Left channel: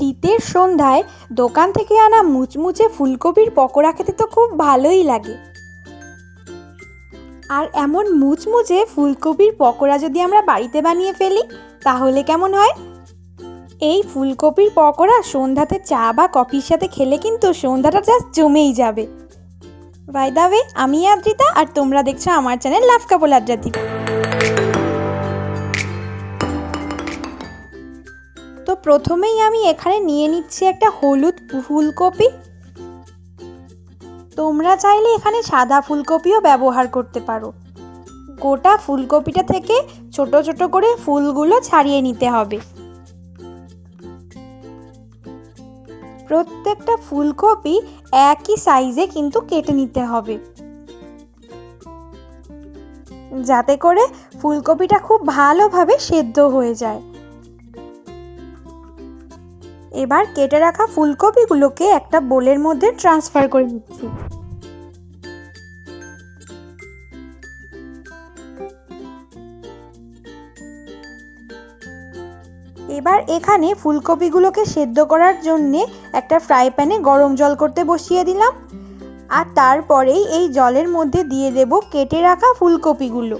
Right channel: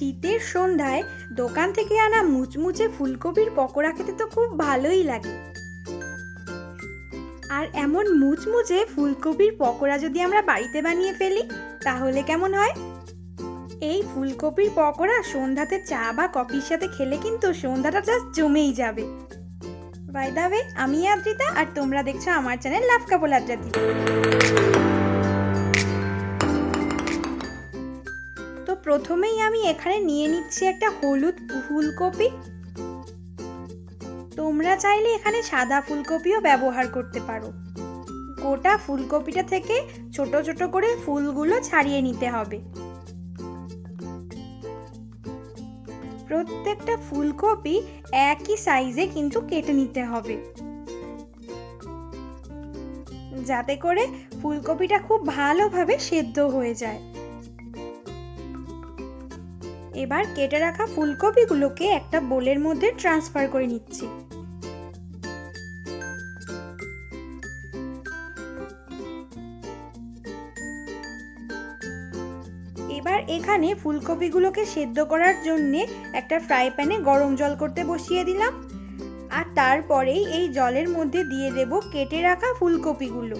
শীতের সন্ধ্যায় দোকান থেকে আনা মুচমুচে ফুলকপির পকোড়া খেতে তো খুব ভালোই লাগে। আর এমন মুচমুচে ফুলকপির পকোড়া যদি আমরা বাড়িতে বানিয়ে ফেলি, তাহলে কেমন হয়? এই ফুলকপির পকোড়া সন্ধ্যাতে চা বা কফির সাথে খেলে কিন্তু সন্ধ্যাটা জাস্ট জমেই যাবে। বাই দাবে আমি আদ্রিতা আর তোমরা দেখছ আমার চ্যানেল লাভ কাপল আদ্রাতি। প্রথমেই আমি এখানে নিয়ে নিচ্ছি একটা হলুদ ফুলকপি। তোমরা চাইলে এখানে সাদা ফুলকপিও ব্যবহার করতে পারো। গোটা ফুলকপিটা থেকে ছোট ছোট করে ফুলগুলো ছাড়িয়ে নিতে হবে। প্রত্যেকটা ফুলকপি একই সাইজে কিন্তু কেটে নিতে হবে। যাতে করে ফুলকপিটা খুব ভালোভাবে সেদ্ধ হয়ে যায়। এবার কেটে রাখা ফুলকপিগুলোকে একটা বোলের মধ্যে ট্রান্সফার করে নিচ্ছি। এবার এখানে ফুলকপিগুলোকে সেদ্ধ করার জন্যে একটা ফ্রাই প্যানে গরম জল করতে বসিয়ে দিলাম। আর তারপরেই এই জলের মধ্যে দিয়ে দেব কেটে রাখা ফুলকপিগুলো।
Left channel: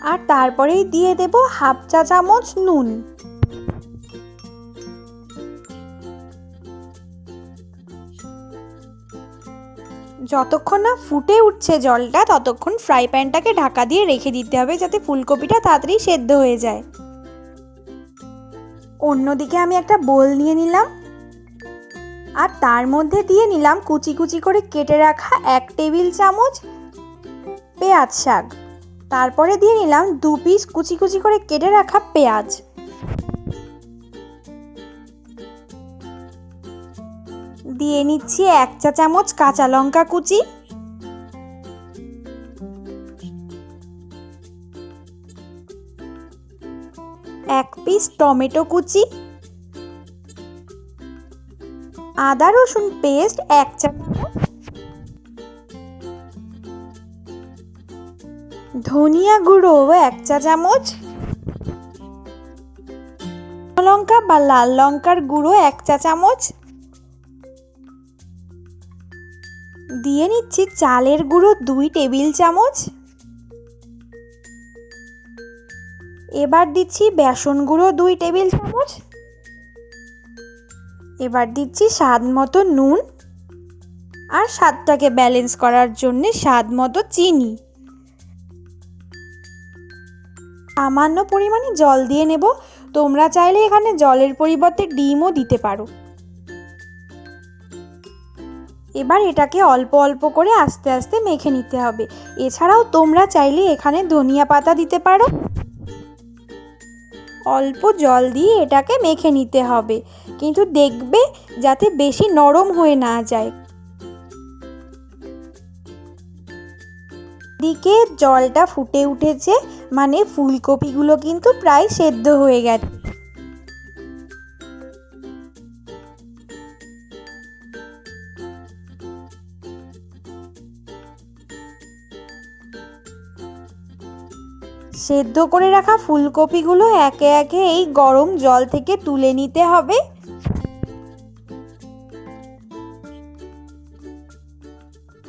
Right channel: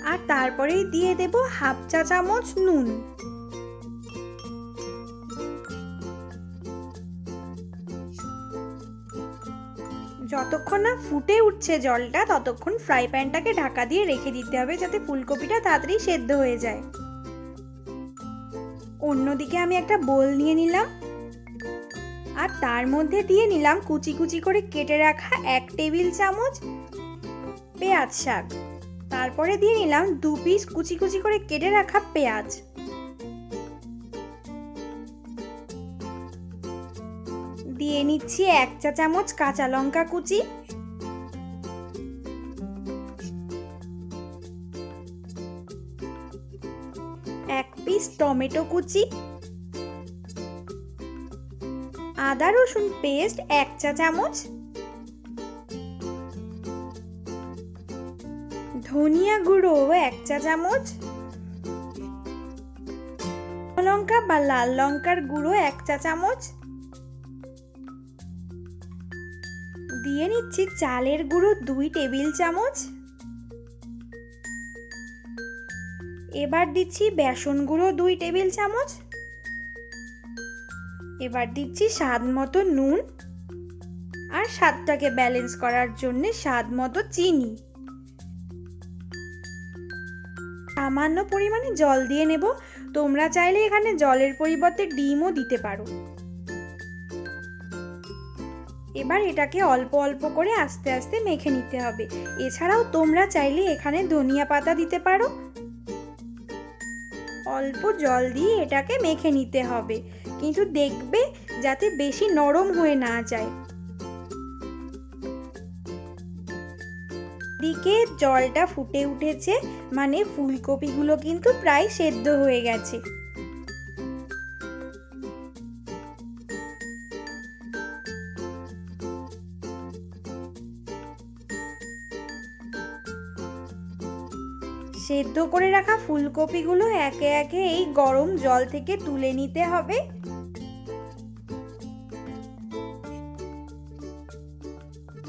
আর তারপরেই দিয়ে দেব হাফ চা চামচ নুন। যতক্ষণ না ফুটে উঠছে জলটা, ততক্ষণ ফ্রাই প্যানটাকে ঢাকা দিয়ে রেখে দিতে হবে যাতে ফুলকপিটা তাড়াতাড়ি সেদ্ধ হয়ে যায়। অন্যদিকে আমি একটা বোল নিয়ে নিলাম। আর তার মধ্যে দিয়ে নিলাম কুচি কুচি করে কেটে রাখা এক টেবিল চামচ পেঁয়াজ শাক। তারপরে দিয়ে নিলাম দু পিস কুচি কুচি করে কেটে রাখা পেঁয়াজ। দিয়ে নিচ্ছি এক চা চামচ কাঁচা লঙ্কা কুচি। এক পিস টমেটো কুচি। আদা রসুন পেস্ট এক চা চামচ। ধনিয়া গুঁড়ো এক চা চামচ লঙ্কা বা লাল লঙ্কার গুঁড়ো এক চা চামচ। দিয়ে নিচ্ছি চালের গুঁড়ো দুই টেবিল চামচ। এবার দিচ্ছি বেসন গুঁড়ো দুই টেবিল চামচ। এবার দিচ্ছি স্বাদ মতো নুন। আর স্বাদটাকে ব্যালেন্স করার জন্য স্বাদ মতো চিনি। সামান্য পরিমাণে জল দিয়ে নেব। তোমরা চাইলে এখানে জলের পরিবর্তে ডিমও দিতে পারো। এবার এটাকে অল্প অল্প করে আস্তে আস্তে মেখে নিতে হবে। এছাড়াও তোমরা চাইলে এখানে ধনিয়া পাতা দিতে পারো। অল্প জল দিয়ে এটাকে মেখে নিতে হবে। কিন্তু দেখবে যাতে বেশি নরম হয়ে না যায়। দিকে জলটা ফুটে উঠেছে মানে ফুলকপিগুলো কিন্তু প্রায় সেদ্ধ হয়ে গেছে। সেদ্ধ করে রাখা ফুলকপিগুলো একে একে এই গরম জল থেকে তুলে নিতে হবে।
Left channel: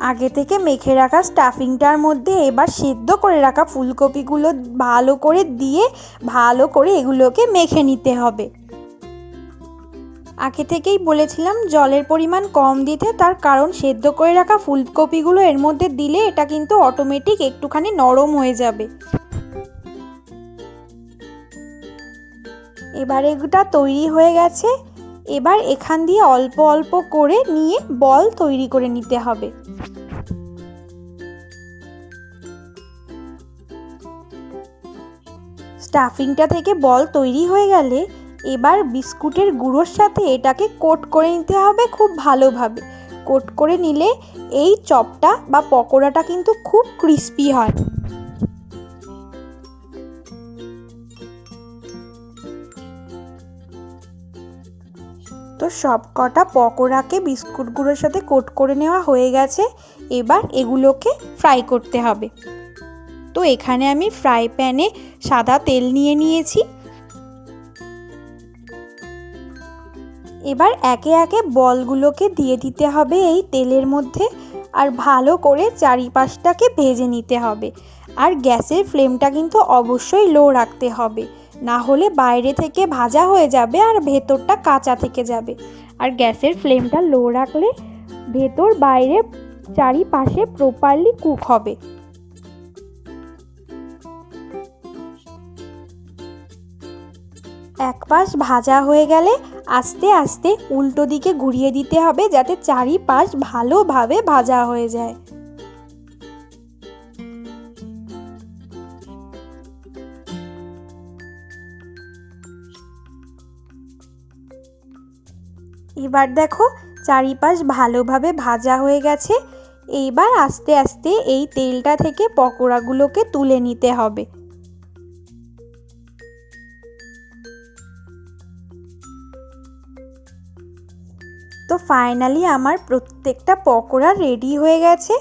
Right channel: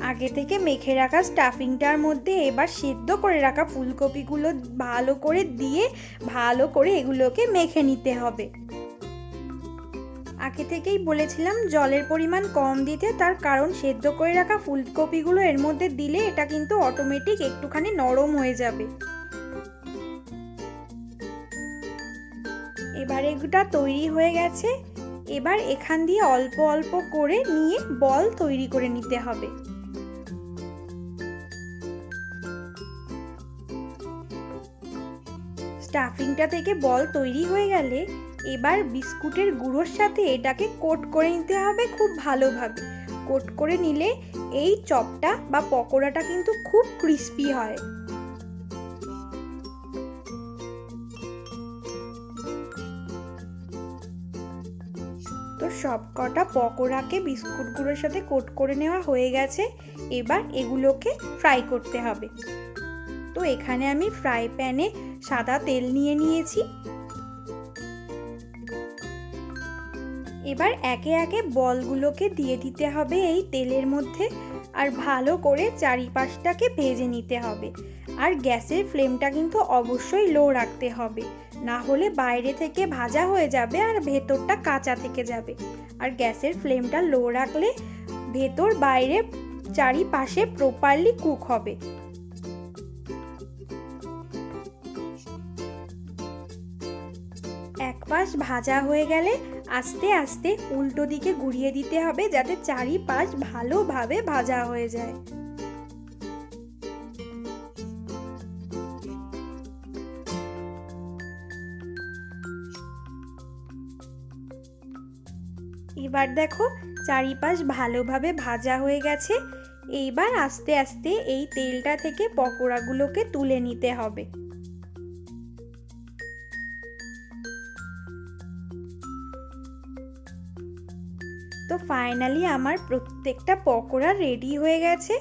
আগে থেকে মেখে রাখা স্টাফিংটার মধ্যে এবার সেদ্ধ করে রাখা ফুলকপিগুলো ভালো করে দিয়ে ভালো করে এগুলোকে মেখে নিতে হবে। আগে থেকেই বলেছিলাম জলের পরিমাণ কম দিতে, তার কারণ সেদ্ধ করে রাখা ফুলকপিগুলো এর মধ্যে দিলে এটা কিন্তু অটোমেটিক একটুখানি নরম হয়ে যাবে। এবার এগুটা তৈরি হয়ে গেছে। এবার এখান দিয়ে অল্প অল্প করে নিয়ে বল তৈরি করে নিতে হবে। স্টাফিংটা থেকে বল তৈরি হয়ে গেলে এবার বিস্কুটের গুঁড়োর সাথে এটাকে কোট করে নিতে হবে খুব ভালোভাবে। কোট করে নিলে এই চপটা বা পকোড়াটা কিন্তু খুব ক্রিস্পি হয়। তো সব কটা পকোড়াকে বিস্কুট গুঁড়োর সাথে কোট করে নেওয়া হয়ে গেছে। এবার এগুলোকে ফ্রাই করতে হবে। তো এখানে আমি ফ্রাই প্যানে সাদা তেল নিয়ে নিয়েছি। এবার একে একে বলগুলোকে দিয়ে দিতে হবে এই তেলের মধ্যে আর ভালো করে চারিপাশটাকে ভেজে নিতে হবে। আর গ্যাসের ফ্লেমটা কিন্তু অবশ্যই লো রাখতে হবে। না হলে বাইরে থেকে ভাজা হয়ে যাবে আর ভেতরটা কাঁচা থেকে যাবে। আর গ্যাসের ফ্লেমটা লো রাখলে ভেতর বাইরে চারিপাশে প্রপারলি কুক হবে। এক পাশ ভাজা হয়ে গেলে আস্তে আস্তে উল্টো দিকে ঘুরিয়ে দিতে হবে যাতে চারিপাশ ভালোভাবে ভাজা হয়ে যায়। এবার দেখো চারিপাশ ভালোভাবে ভাজা হয়ে গেছে। এইবার আস্তে আস্তে এই তেলটা থেকে পকোড়াগুলোকে তুলে নিতে হবে। তো ফাইনালি আমার প্রত্যেকটা পকোড়া রেডি হয়ে গেছে।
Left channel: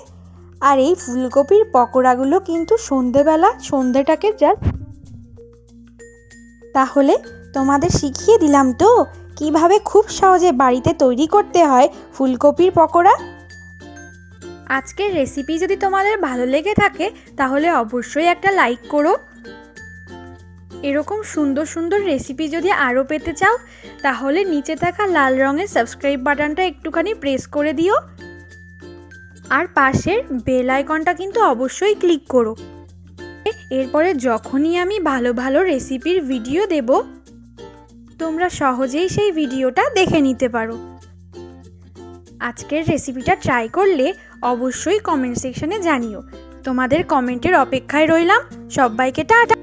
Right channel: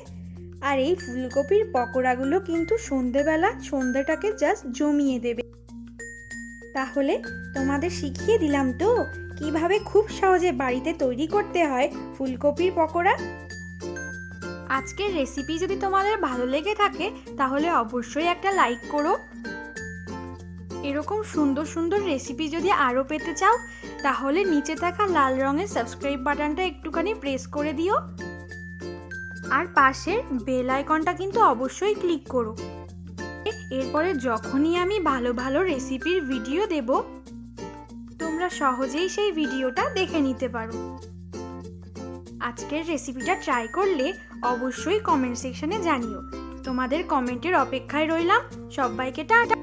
আর এই ফুলকপির পকোড়াগুলো কিন্তু সন্ধেবেলা সন্ধেটাকে জাস্ট জমিয়ে দেবে। তাহলে তোমাদের শিখিয়ে দিলাম তো, কীভাবে খুব সহজে বাড়িতে তৈরি করতে হয় ফুলকপির পকোড়া? আজকের রেসিপি যদি তোমাদের ভালো লেগে থাকে, তাহলে অবশ্যই একটা লাইক করো। এরকম সুন্দর সুন্দর রেসিপি যদি আরও পেতে চাও তাহলে নিচে থাকা লাল রঙের সাবস্ক্রাইব বাটনটা একটুখানি প্রেস করে দিও। আর পাশের বেল আইকনটা কিন্তু অবশ্যই ক্লিক করো। এরপরে যখনই আমি ভালো ভালো রেসিপির ভিডিও দেব, তোমরা সহজেই সেই ভিডিওটা দেখে নিতে পারো। আজকের রেসিপিটা ট্রাই করলে অবশ্যই কমেন্ট সেকশনে জানিও। তোমাদের কমেন্টের অপেক্ষায় রইলাম। সবাইকে টাটা।